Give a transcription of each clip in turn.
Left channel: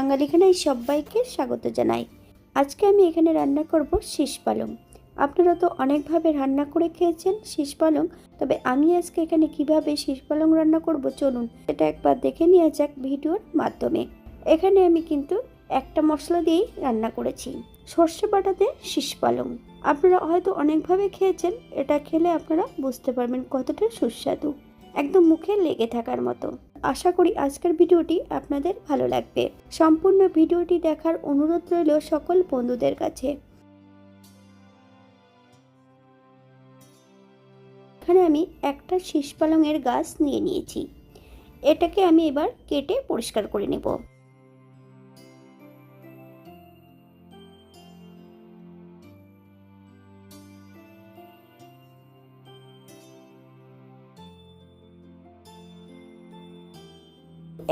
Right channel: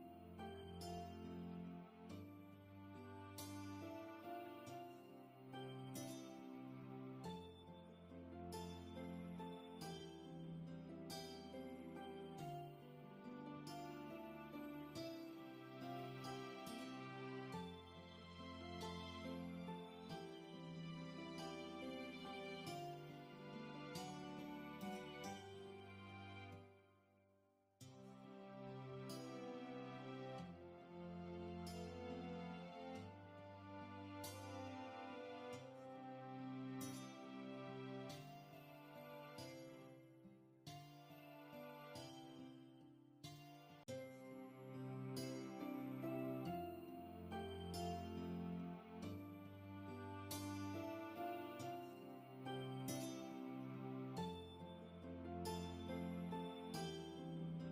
বাঙালি খানায় সবাইকে স্বাগত জানাই। আজকে আমি এখানে রান্না করব শীষ পালং। আপনারা তো অনেকভাবে রান্না করে খেয়েছেন শীষ পালং, তবে আমি আজকে এখানে কীভাবে শীষ পালং রান্না করব চলুন এটা একবার দেখে নেওয়া যাক ভিডিওর মাধ্যমে। এখানে আমি কিন্তু একটা মশলা দিয়েই রান্না করেছি, সর্ষে বাটাতে শীষ পালং। আপনারা হয়তো অনেকভাবে খেয়েছেন, এটা খেলে আপনারা বুঝতে পারবেন কতটা সুস্বাদু, একদম মুখে লেগে থাকার মতো। আশা করি আজকের ভিডিওটি আপনাদের ভালো লাগবে। সম্পূর্ণ ভিডিওটি দেখার অনুরোধ রইল সকল বন্ধুদের কাছে। এখানে আমি একটা শীষ পালংয়ের গাছ নিয়ে নিয়েছি। এটাকে আমি এবার কেটে পরিষ্কার করে নেব।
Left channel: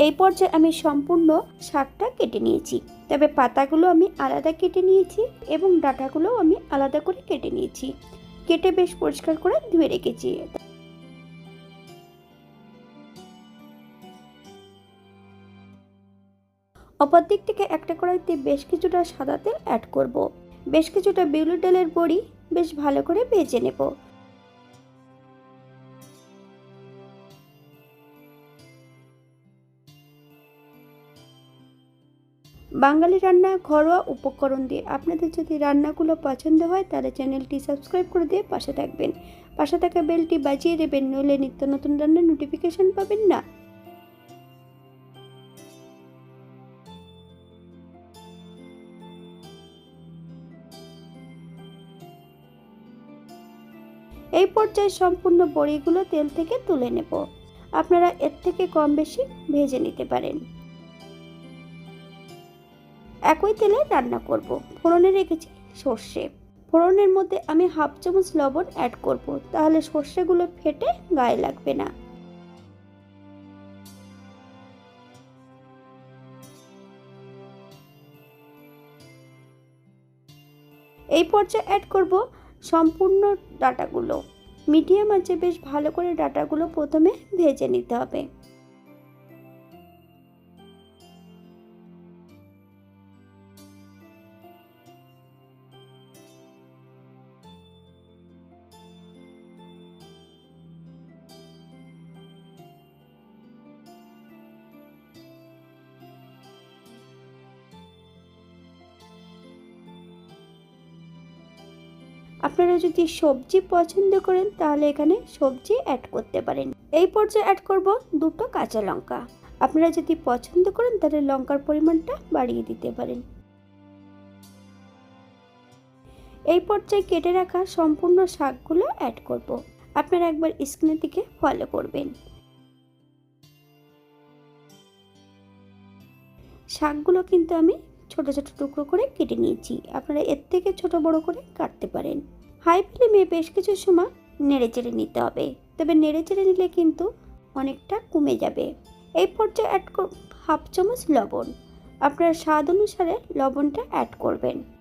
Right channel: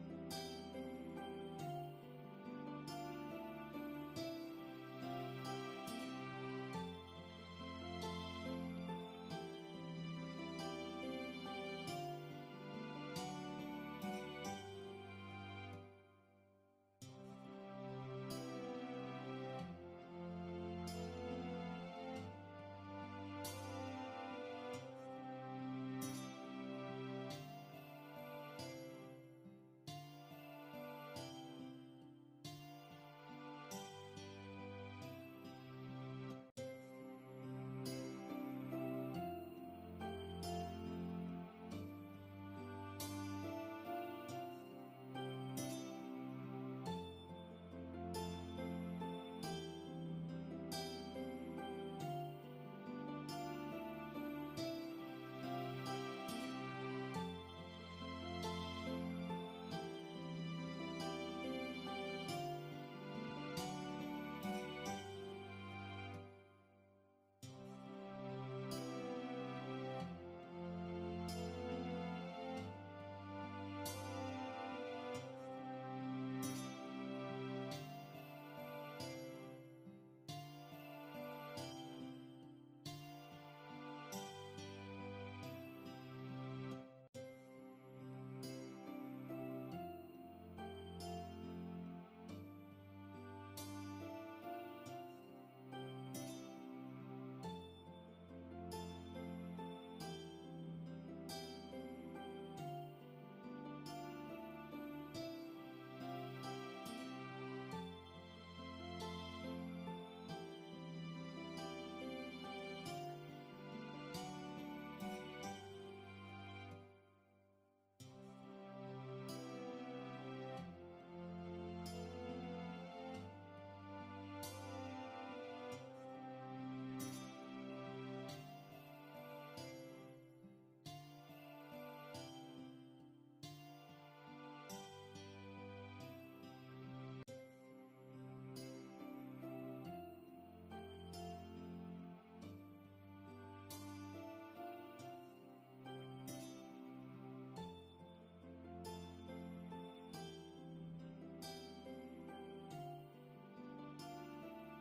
এই পর্যায়ে আমি সম্পূর্ণ শাকটা কেটে নিয়েছি। তবে পাতাগুলো আমি আলাদা কেটে নিয়েছি এবং ডাঁটাগুলোও আমি আলাদা করে কেটে নিয়েছি। কেটে বেশ পরিষ্কার করে ধুয়ে রেখেছি। অপর দিক থেকে একটা কড়াইতে বেশ কিছুটা সাদা তেল অ্যাড করব। বেশ কিছুটা বিউলি ডালের বড়ি বেশ ভালো করে ভেজে নেব। বাঙালি রান্না ঘরোয়া উপকরণ দিয়ে আপনাদের যদি রান্নাগুলো পছন্দ হয়, তাহলে চ্যানেলটি সাবস্ক্রাইব করে দিয়ে পাশে থাকবেন। পাশে থাকা বেলটি বাজিয়ে দেবেন, নইলে নিত্য নতুন রান্নার নোটিফিকেশন পাবেন না। এই পর্যায়ে সম্পূর্ণ বড়িগুলো তেল থেকে তুলে নেব। আপনারা এর থেকে কম বেশি ভেজে নিতে পারেন। একই তেলে রান্না করব। ফোড়নে রেখেছি সর্ষে। ফোড়নের মধ্যে আমি হাফ চামচ লবণ অ্যাড করব। তাহলে সর্ষেগুলো ফেটে গায়ে লাগবে না। এই পর্যায়ে অ্যাড করব সম্পূর্ণ ডাটাগুলো। মিডিয়াম আছে বেশ ভালো করে ডাটাগুলো প্রথমে ভেজে নিতে হবে। আপনারা যদি সবজি পছন্দ করেন, তাহলে এখানে সবজি অ্যাড করতে পারেন। এই পর্যায়ে অ্যাড করব দুটো কাঁচা লঙ্কা। আপনারা যদি পছন্দ করেন, তাহলে লঙ্কার পরিমাণটা বাড়িয়ে দিতে পারেন। এই পর্যায়ে কেটে রাখা সম্পূর্ণ শাকগুলো অ্যাড করব। আপনারা একবার স্ক্রিনের দিকে ফলো করবেন। শাকগুলো কিন্তু আমি ছোট ছোট টুকরো করে কেটে নিয়েছি। আপনারা এর থেকে ছোট বড় করে কাটতে পারেন। হাই ফ্লেমে বেশ কিছু সময় নেড়ে চেড়ে নিতে হবে। তবে নেড়ে চেড়ে নিলে কিন্তু অনেকটা কমে যাবে। এই পর্যায়ে অ্যাড হাফ চামচ লবণ। আপনার স্বাদ অনুসারে লবণটা অ্যাড করবেন।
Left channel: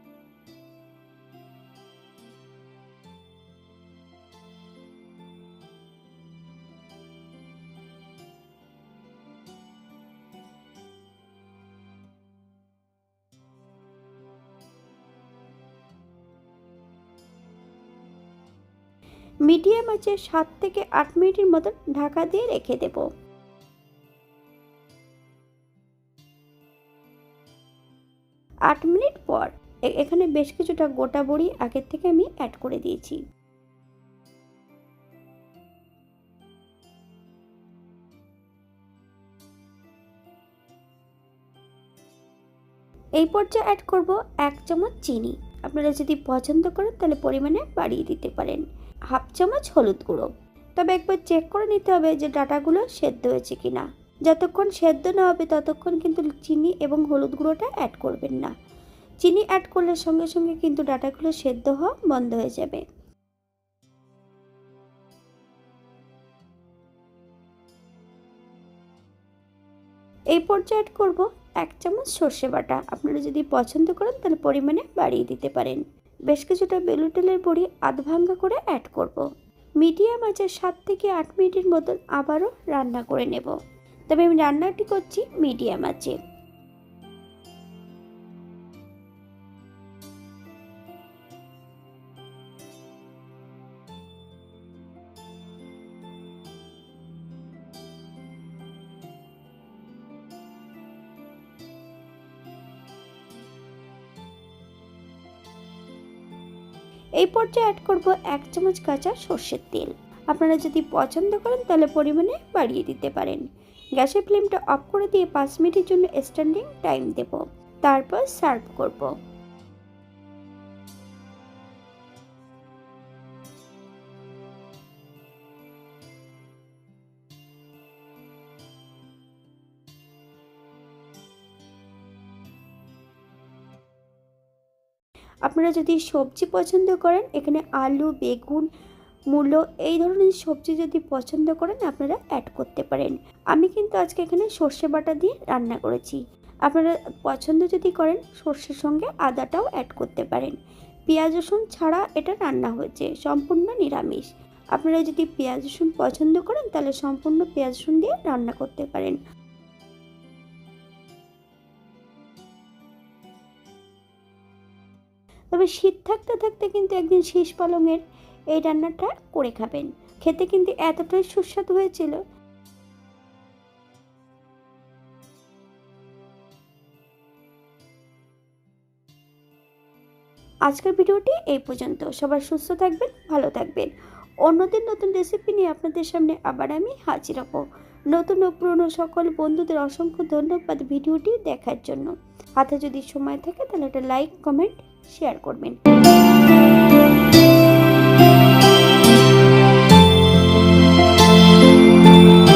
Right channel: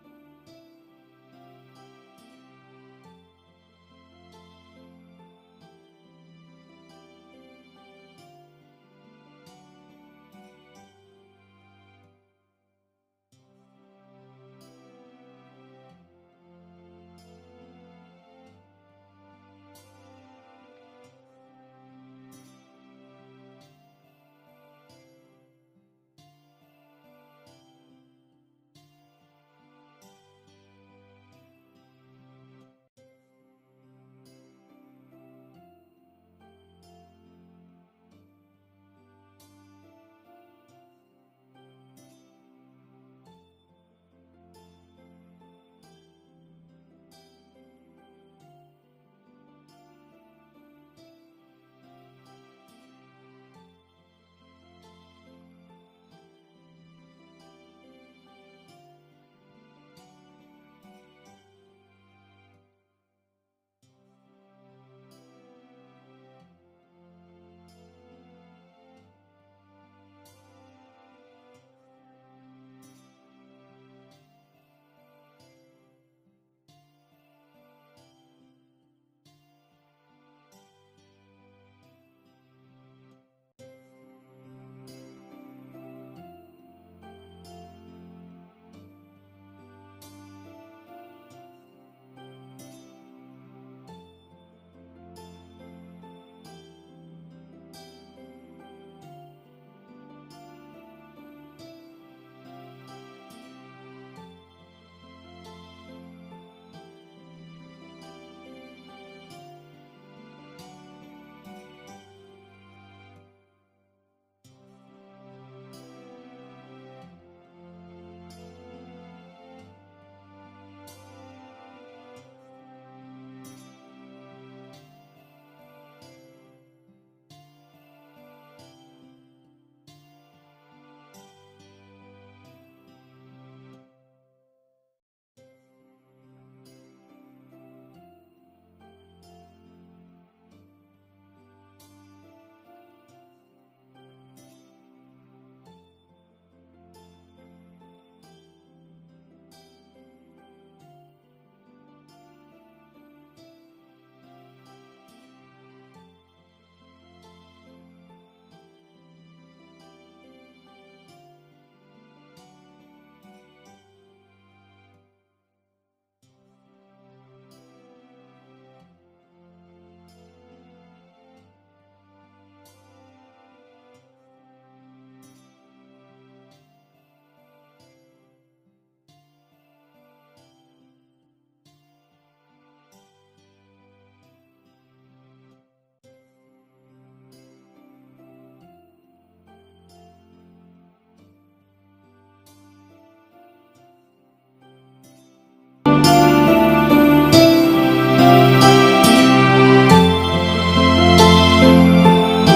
মিডিয়াম আছে, সাত থেকে আট মিনিটের মতন ঢাকা দিয়ে রেখে দেব। আট মিনিট পর এখানে বেশ কিছুটা গোটা বড়ি আগের থেকে আমি অ্যাড করে দিয়েছি। এই পর্যায়ে অ্যাড করব এক চামচ চিনি। আপনারা যদি পছন্দ করেন, তাহলে পরিমাণে বাড়িয়ে দিতে পারেন। হাফ চামচ হলুদ গুঁড়ো। তবে একবার চেক করে নিতে হবে যে ডাটাগুলো সেদ্ধ হয়েছে কি না যতক্ষণ সেদ্ধ না হবে, ততক্ষণ কিন্তু চিনি এবং হলুদ গুঁড়োটা অ্যাড করবেন না। চিনি অ্যাড করলে সঙ্গে সঙ্গে কিন্তু ডাটাগুলো সেদ্ধ হওয়া বন্ধ হয়ে যাবে। এই পর্যায়ে অ্যাড করব এক চামচ সর্ষে বাটা। আপনারা যদি পছন্দ করেন, তাহলে পরিমাণে বাড়িয়ে দিতে পারেন। বেশ কিছুটা বেলুটেলের বড়ি আধ ভাঙ্গা করে অ্যাড করব। মিডিয়াম আছে সাত থেকে আট মিনিটের মতন আবারও রান্না করে নেব। তবে আমি রান্নাটি করছি মিডিয়াম আছে এই পর্যায়ে অ্যাড করব এক চামচ কাঁচা সর্ষের তেল। আপনারা যদি পছন্দ করেন, তাহলে পরিমাণে বাড়িয়ে দিতে পারেন। গ্যাসের ফ্লেমটা অফ করে দিয়ে পাঁচ মিনিটের জন্য স্ট্যান্ডিং টাইম দেব। তারপর সার্ভ করব। আপনারা যদি সবজি পছন্দ করেন, এখানে আলু, বেগুন, মূলো এই ধরনের সবজি যদি পছন্দ করেন, আপনারা অ্যাড করতে পারেন। আমি কিন্তু আজকে এখানে সর্ষে বাটা দিয়ে রান্না করেছি। আপনারা পছন্দ যদি করেন, সর্ষের সঙ্গে আদাটাও অ্যাড করতে পারেন। পেঁয়াজ, রসুন ছাড়া এটা রান্না হয়েছে, সম্পূর্ণ নিরামিষ। আপনারা যদি পেঁয়াজ, রসুন পছন্দ করেন, তাহলে সম্পূর্ণ পেঁয়াজ, রসুন দিয়ে রান্না করতে পারেন। তবে শীত থাকতে থাকতে কিন্তু একদিন শীষ পালংয়ের এই রান্নাটা করে খাবেন। খেতে কিন্তু এতটাই সুস্বাদু হয়েছিল। আজকের ভিডিওটি এই পর্যন্ত। সবাই সুস্থ থাকবেন, ভালো থাকবেন। অন্যদের নতুন রেসিপি নিয়ে আপনাদের সামনে আবার আমি হাজির হব। নতুন ও পুরনো সকল বন্ধুদের অসংখ্য ধন্যবাদ ভিডিওটি দেখার জন্য। হাতে যদি সময় থাকে তাহলে একটা লাইক কমেন্ট শেয়ার করবেন।